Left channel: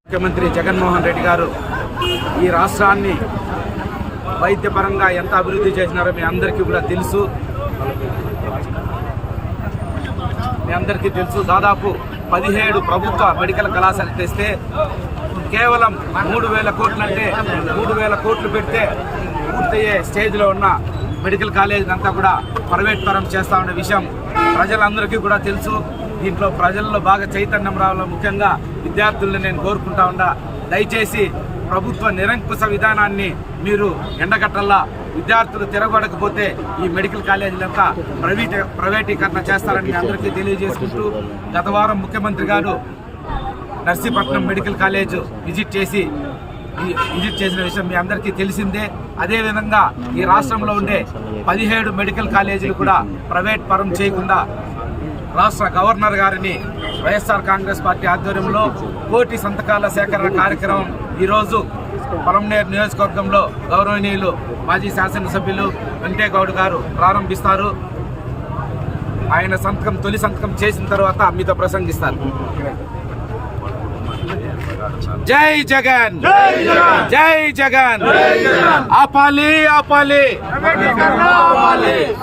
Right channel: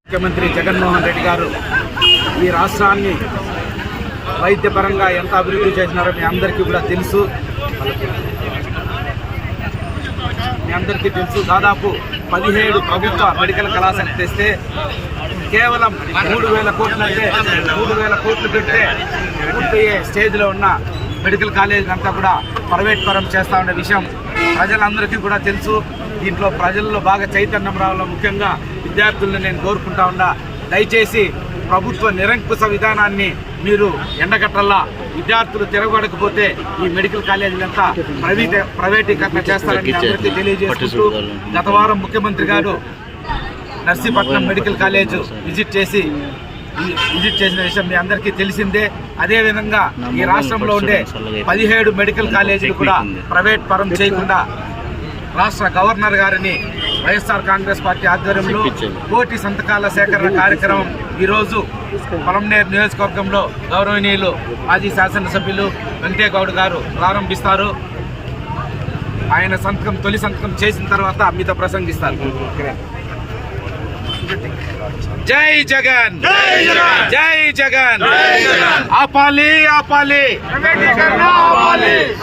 ముఖ్యమంత్రి జగన్మోహన్ రెడ్డి గారు ఈ రాష్ట్రాన్ని వైద్యపరంగా ఎంత అభివృద్ధి చేసినారో మీ అందరికీ కూడా తెలుసు. మీ అందరికీ తెలుసు. దాదాపు పదిహేడు ప్రభుత్వ మెడికల్ కళాశాల తెస్తే కేవలం మూడు వేల కోట్లు అంటే మూడు వేల కోట్లు పెడితే పూర్తయ్యే స్టేజ్లో ఉన్న మెడికల్ కాలేజీ అంతా కూడా ప్రైవేట్ పరం చేస్తా ఉన్న విషయం. ప్రజలందరికీ కూడా తెలుసు. దీంట్లో ప్రజల్లో బాగా చైతన్యం రావాలో ముఖ్యంగా విద్యార్థుల్ని నేను కోరుకుంటా ఉన్నా. దయచేసి ప్రభుత్వ నిరంకుశ విధానాన్ని మీరు ఎండగట్టల్లా విద్యార్థులు తిరగబడకపోతే ఈ మెడికల్ కాలేజీలంతా ప్రైవేట్ ప్రైవేటీకరణ చేస్తారని అందరికీ తెలియజేసుకుంటూ గత వారం ముఖ్యమంత్రి గారు నర్సీపట్నం మెడికల్ కాలేజ్ విజిట్ చేసి విజిట్ చేసిన విషయం మీ అందరికీ తెలిసిందే. అదేవిధంగా ఈ రాష్ట్రంలో ఉండే పదిహేడు మెడికల్ కాలేజీలు కూడా ప్రైవేట్ పరం చేయకుండా రాష్ట్ర గవర్నర్ గారిని వైఎస్ఆర్ కాంగ్రెస్ పార్టీ ఆధ్వర్యంలో కోటి సంతకాల సేకరణ కార్యక్రమం ఈరోజు పొలంనేరు నియోజకవర్గంలో గౌరవనీయులు మాజీ శాసనసభ్యులు వెంకటేగౌడ్ గారు ప్రారంభిస్తారు. ఆయన సంతకం తొలి సంతకం చేసిన తర్వాత మీతో ప్రసంగిస్తారు. జై జగన్. జై జగన్. ఆపాలి ఆపాలి.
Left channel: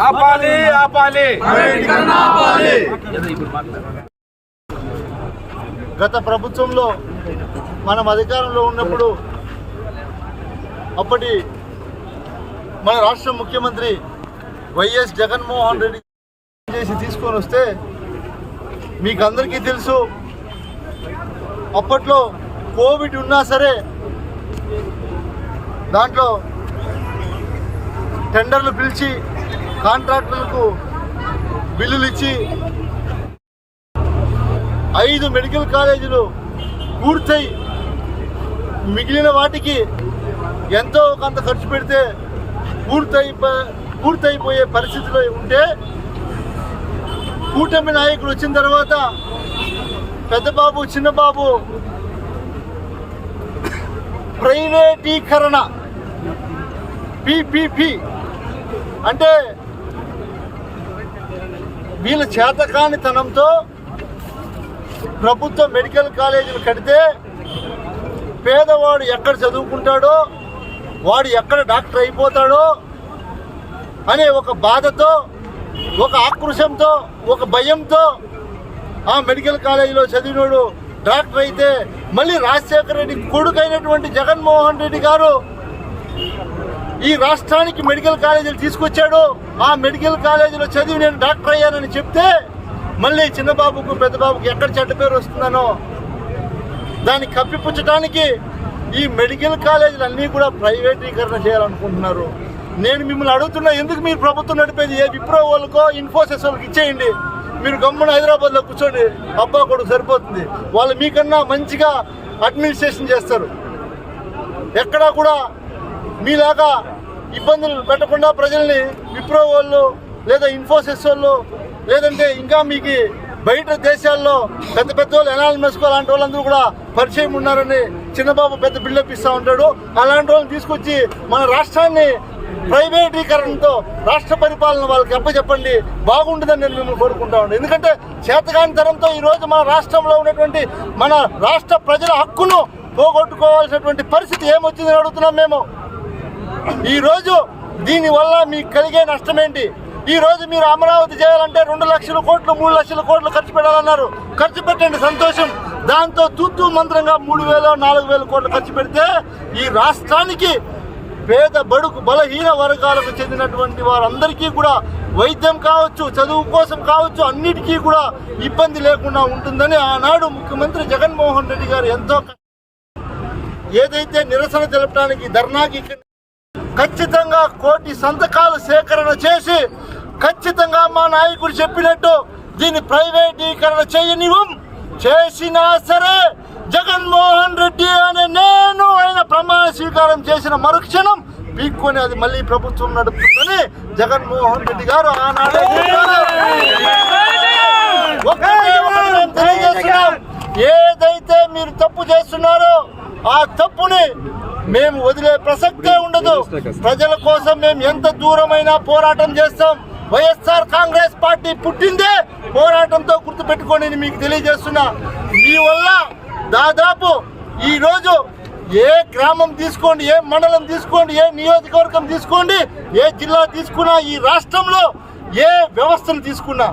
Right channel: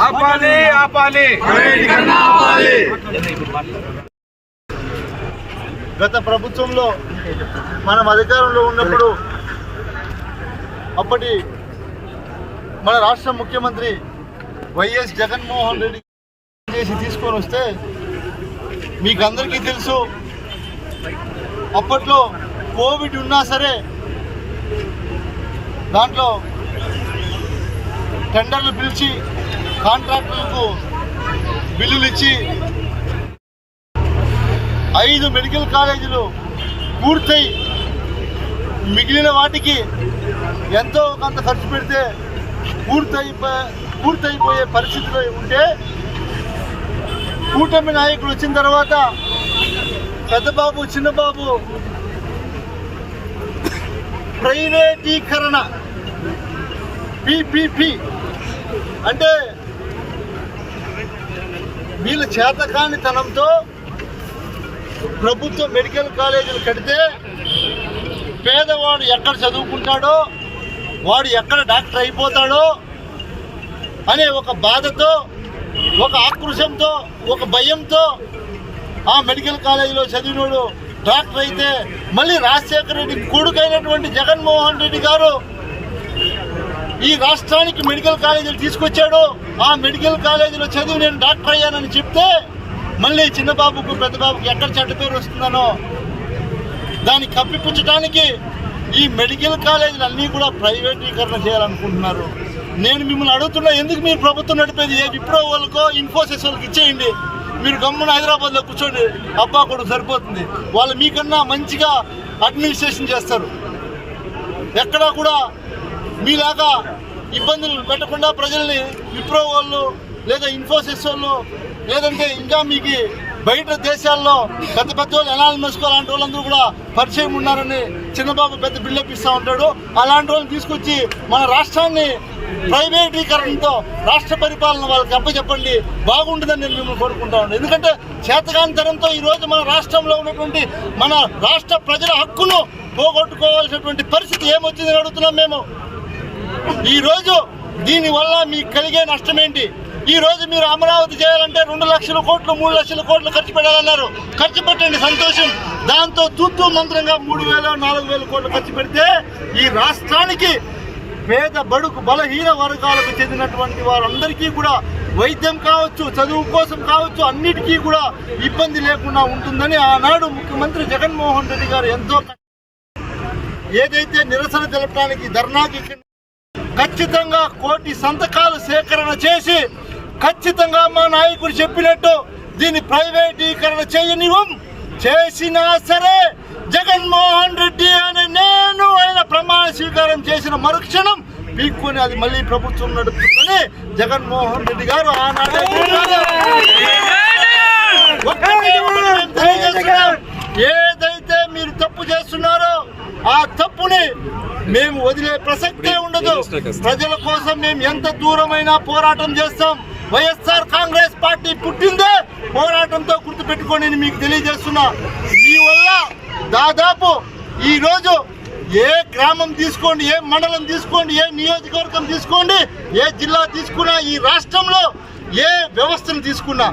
ఆపాలి ఆపాలి గత ప్రభుత్వంలో మనం అధికారంలో ఉన్నప్పుడు అప్పటి మన రాష్ట్ర ముఖ్యమంత్రి వైఎస్ జగన్మోహన్ రెడ్డి చేసి తీసుకొని వస్తే మీకు అందరికీ తెలుసు అప్పట్లో కోవిడ్ ఉన్నా సరే దాంట్లో టెండర్లు పిలిచి కాంట్రాక్టులకు బిల్లులు ఇచ్చి ఐదు మెడికల్ కాలేజీలు పూర్తయి. మిగిలిన వాటికి ఎంతో కొంత ఖర్చు పెడితే పూర్తయి పూర్తయిపోయే పరిస్థితిలో ఉంటే కూటమి నాయకులు వచ్చిన తర్వాత పెద్దబాబు చిన్నబాబు ప్రైవేటీకరణ. పిపిపి. అంటే వీళ్ళ చేతకానితనంతో ప్రభుత్వ మెడికల్ కాలేజీలు కడితే పేదవాడు ఎక్కడ చదువుకుంటాడో వాడు ఎక్కడ డాక్టర్ అయిపోతాడో అనే ఒక బాధతో ఒక ఆక్రోశంతో ఒక భయంతో ఆ మెడికల్ కాలేజీలో చదివినోడు డాక్టర్ అయితే మళ్ళీ రాజశేఖర రెడ్డి కొడుకైనటువంటి జగన్మోహన్ రెడ్డి గారు ఈ రాష్ట్రానికి మెడికల్ కాలేజీలు తీసుకొచ్చాడు. ఆ మెడికల్ కాలేజీలో చదివి నేను డాక్టర్ అయ్యానని చెప్తే మళ్ళీ చిన్నబాబుకు పెద్దబాబుకు ఎక్కడ చెడ్డ పేరు వస్తుందనో దాన్ని కప్పిపుచ్చడానికి ఈ మెడికల్ కాలేజీలు అన్నీ కూడా ప్రైవేటీకరణ చేయాలనుకుంటున్నారు. నేను మిమ్మల్ని అడుగుతున్నా ఎందుకు మీరు ప్రభుత్వం నడిపేది? ఏ విప్రో వాళ్ళకో ఇన్ఫోసిస్ వాళ్ళకి ఇచ్చేయండి. మీరు గమ్మున హైదరాబాద్లో కూర్చోండి. అబ్బా కొడుకు సరిపోతుంది. వాళ్ళు మీకన్నా మంచిగా అడ్మినిస్ట్రేషన్ చేస్తారు. ఎక్కడా కూడా మీలాగా ఇబ్బందులు పెట్టకుండా ప్రజల్ని విప్రో వాళ్ళు లేదా ఇన్ఫోసిస్ వాళ్ళు లేదంటే ఇంకా మీకు బయట దేశాల్లో పెద్ద పెద్ద వాళ్ళు ఎనాలి మెసుకో అలాంటి వాళ్ళందరూ కూడా పరిచయం ఉన్నారని చిన్నబాబు పెద్ద బిల్డప్ ఇస్తూ ఉంటాడు. అలాంటి వాళ్ళని తీసుకొచ్చి మన రాష్ట్రాన్ని ప్రైవేటీకరణతో రాష్ట్ర పరిపాలన వాళ్ళకి అప్పచెప్పండి బాగుంటుందని నేను మిమ్మల్ని కోరుకుంటా ఉన్నాను. ఎందుకంటే చేతకాంతరంతో ఈరోజు మన రాష్ట్రంలో ఉన్నటువంటి మన రాష్ట్ర ప్రజల హక్కును పోగొట్టుకోవాల్సినటువంటి పరిస్థితి ఏమొచ్చిందని అడుగుతున్నాం మేము. ఈరోజు దీనివల్ల మీకు కలిగే నష్టమేంటి? ఈరోజు ఈ రోజు మీరు అమరావతి చేయాలంటే రెండు లక్షల కోట్లు మూడు లక్షల కోట్లు ఖర్చు పెట్టాలన్నారు. ఖర్చు పెట్టండి సంతోషం. దాంతో తూతూ మంత్రంగా మూడు వేల నాలుగు వేల కోట్లు ఖర్చు పెడితే ఈ రాష్ట్రానికి పేద బడుగు బలహీన వర్గాలకు చెందినటువంటి వారందరికీ కూడా వైద్యం కావచ్చు చదువు కోసం కావచ్చు అన్నిటికీ కూడా ఇబ్బంది లేకుండా ఉంటుందని ఆనాడు ముఖ్యమంత్రి జగన్మోహన్ రెడ్డి గారు ఎంతో ఏదైతే నిరసన తెలపడానికి ధర్నాకి ఖచ్చితంగా కోటి సంతకాలు సేకరణ చేసి ఖచ్చితంగా మా నాయకుడు చెప్పినట్టు దీన్ని ప్రైవేటీకరణ చేయనివ్వం. చేసినా సరే జగన్మోహన్ రెడ్డి అనే నేను ఆయన ప్రమాణ స్వీకారం చేసిన మరుక్షణం పీక్కొని అది మళ్ళీ ప్రభుత్వం నడుపుతుందని జగన్మోహన్ రెడ్డి గారు ఆనాడే. ఏదైతే మీరు తప్పు చేస్తున్నారో ఆ తప్పుని మేము వదిలే ప్రసక్తే ఉండదు. ప్రజల కోసం మేము ఎంత దూరమైనా పోరాటం చేస్తాం. వైఎస్ఆర్ కాంగ్రెస్ పార్టీ పుట్టిందే పోరాటంతో గుర్తుపెట్టుకోండి అని మీకు తెలియజేస్తున్నా. మీ వల్ల దాదాపు ఈరోజు ఏ గ్రామం తీసుకోండి ఏ మండలం తీసుకోండి ఏ నియోజకవర్గం తీసుకోండి ఏ జిల్లా తీసుకున్నా ఈ రాష్ట్రంలో ఏ వ్యవస్థను తీసుకున్నా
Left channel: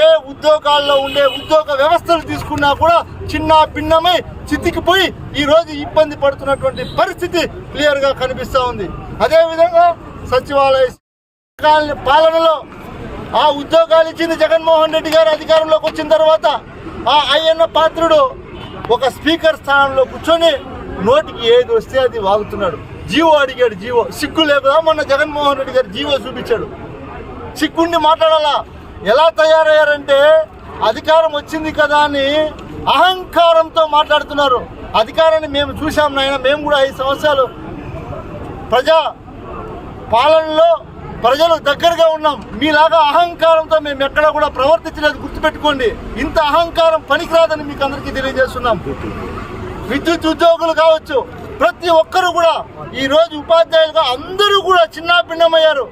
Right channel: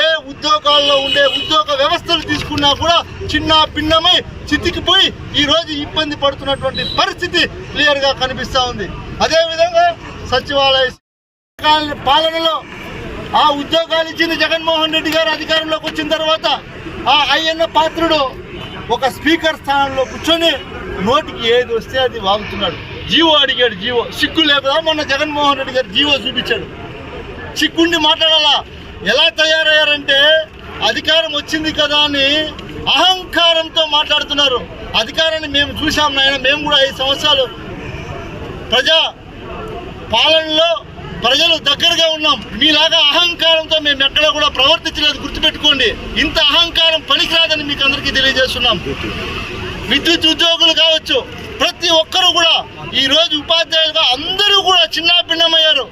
ఏ ఉద్యోగాల్లో ఉండే ఉద్యోగ వ్యవస్థలు తీసుకున్నా కూడా చిన్న భిన్నమై చితికిపోయి ఈరోజు ఇబ్బంది పడుతున్నటువంటి పరిస్థితి క్లియర్గా కనిపిస్తూ ఉంది. అదేవిధంగా సచివాలయ పాలనలో ఆ ఉద్యోగాలు ఇచ్చింది జగన్మోహన్ రెడ్డి గారు అధికారంలోకి వచ్చిన తర్వాత ఆ అయ్యన్న పాత్రుడు ఒక స్పీకర్ స్థానంలో కూర్చొని నోటికి ఏది వస్తే అది వాగుతున్నాడు. జీవో అడిగాడు జీవో. సిగ్గు లేకుండా మొన్న జగన్మోహన్ రెడ్డి గారు జీవో చూపించాడు. చిక్కుండి మాట్లాడాలా? ఎలా తయారయ్యారంటే అధికారం వచ్చింది కదా అని అహంకారంతో మాట్లాడుతున్నారు. అధికారాన్ని మేము చూసాం నాయన మేము కూడా ఐదు సంవత్సరాలు ప్రజా పాలనలో ప్రజలు దగ్గరగా ఉన్నాం. మీలాగా అహంకారంతో మేము ఎక్కడ కూడా ప్రవర్తించలేదు. గుర్తుపెట్టుకోండి. ఇంత అహంకారం పనికిరాదని మీకు అందరికీ తెలియజేస్తున్నాం. విద్యుత్ ఉద్యోగులు కావచ్చు ప్రతి ఒక్కరు కూడా ఈ రోజు ఉపాధ్యాయులుగా అందరూ కూడా చిన్నాభిన్నమయ్యారు.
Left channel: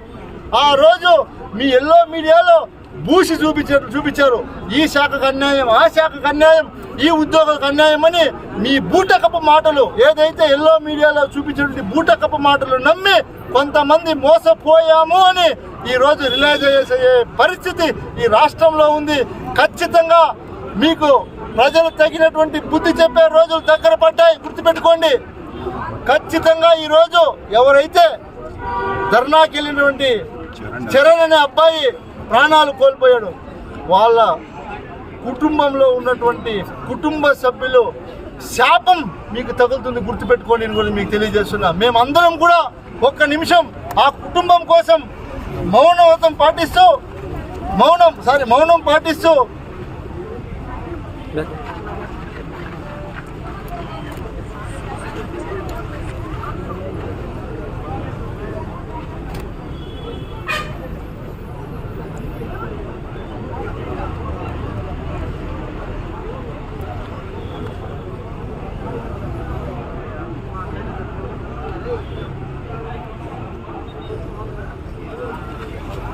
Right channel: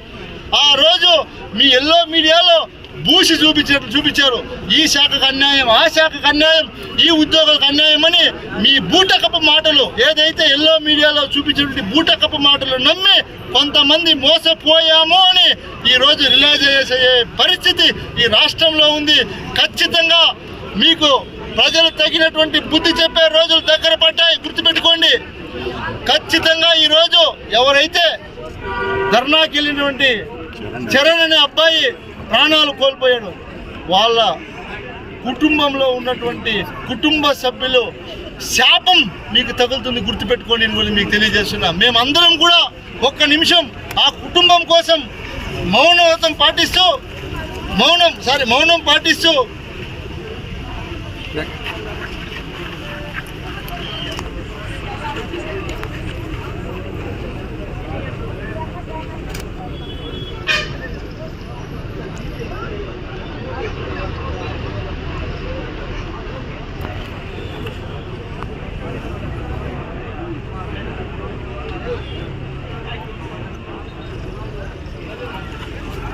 ఆ రోజు మీ ఎల్లో మీడియాలో భూసి చూపించారు చూపించారు. ఈ శాఖకు అన్యాయం ఆ శాఖకు అన్యాయం ఈ ఉద్యోగులకు అన్యాయం అని మీ బూటకపు మాటలు ఏదైతే ఎల్లో మీడియాలో చూపించినటువంటి బూటకపు మాటలు నమ్మి కొంతమంది మోసపోయాము అని ఈ రోజు రిలైజ్ అయ్యే పరిస్థితి ఈ రాష్ట్రంలో ఉంది. ఖచ్చితంగా మీకు ప్రజలు తగినటువంటి బుద్ధి చెప్పే రోజులు దగ్గర పడ్డాయి. గుర్తుపెట్టుకోండి. ఖచ్చితంగా ఈ రోజు ఎవరైతే ధర్నాకి వెళ్ళినటువంటి చరణ్ అనే అబ్బాయి ప్రాణాలు కోల్పోయాడు. వాళ్ళ కుటుంబంలో ఉన్నటువంటి కుటుంబ సభ్యులు శాపం మీకు తగులుతుంది గుర్తుపెట్టుకోండి అని కూడా మీకు తెలియజేస్తున్నా. మేమందరం కూడా ఒక్క నిమిషం ఆ కుటుంబం కోసం మౌనవ్రతం పాటిస్తూ మౌనం సారీ మౌనం పాటిస్తూ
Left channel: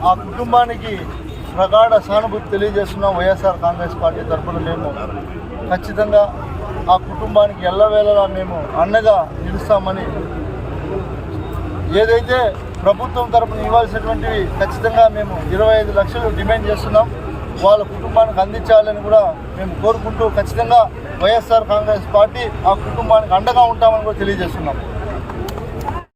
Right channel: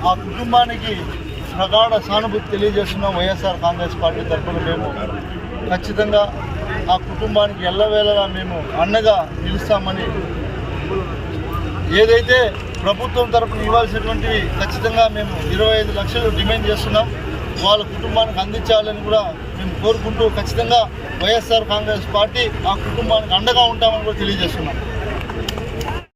ఆ కుటుంబానికి ప్రగాఢ సానుభూతి తెలియజేస్తున్నాం వైఎస్ఆర్ కాంగ్రెస్ పార్టీ తరఫున మేము ఖచ్చితంగా ఆ కుటుంబానికి ఎల్లవేళలా మేము అండగా నిలుస్తామని ఏదైతే ప్రభుత్వం తరఫున ఇవ్వాల్సినటువంటి ఖచ్చితంగా మేము ఇరవై ఐదు లక్షలు డిమాండ్ చేస్తున్నాం. వాళ్ళ కుటుంబానికి అందించాలని కూడా మేము కోరుకుంటూ ఖచ్చితంగా వైఎస్ఆర్ కాంగ్రెస్ పార్టీ ఆ కుటుంబానికి అండగా ఉంటామని కూడా తెలియజేస్తున్నాం.